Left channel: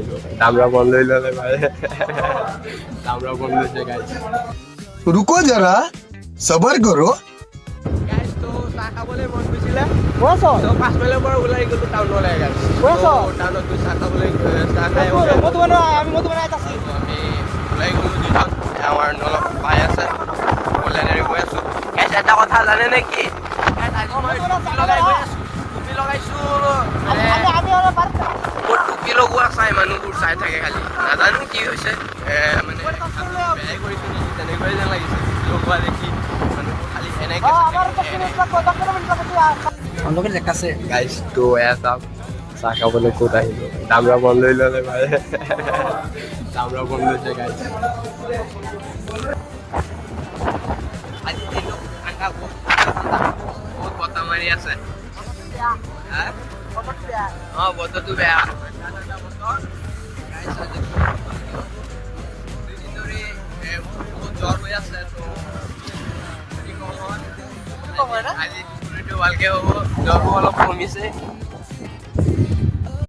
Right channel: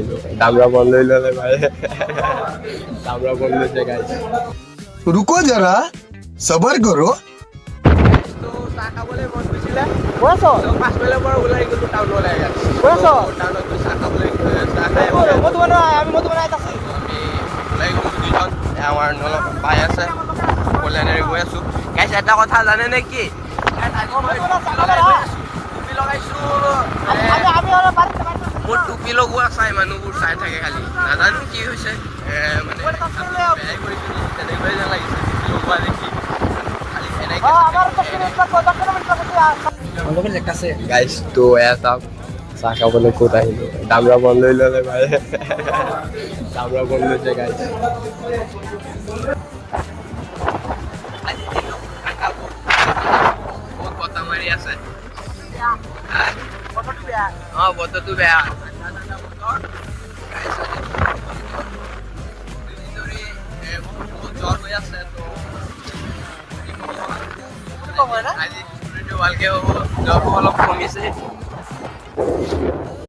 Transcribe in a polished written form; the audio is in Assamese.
আহিলোঁ দামৰা বন লৈ ল'লে ভাই দামৰা বন লৈছে গাইছ रुको जरा सबर करो চাহ খাবলৈ মন গৈছিলে পাছফালৰ পৰা ওলাই গ'লো টাউনলৈ টাউনত গৈ চাহ খাবলৈ চাহ খাই আমি ওলাই গ'লো দুইজন আমাৰ নলক পাই আছে কল্যাণেৰে গৈ আছোঁ গাইছ এটা কথা জানে নে কি টুপি লগাইছোঁ মোৰ টুপি লগোৱা চাই মানুহবোৰ চাই থাকে খালি নাজানো কি হৈছে তেনেকুৱাই যেন লাগিছে লগোৱা দেখি গাইছ তো এটা চাহ খাবলৈ ক'ত আহিলোঁ দামৰা বন লৈ ল'লে ভাই দামৰা বন লৈছে গাইছ বহুত বতাহ মাৰি আছে বতৰটো বেয়া জ্বৰ হৈ আছে আজি ভালকে হ'ব জ্বৰটো অলপ কমিছে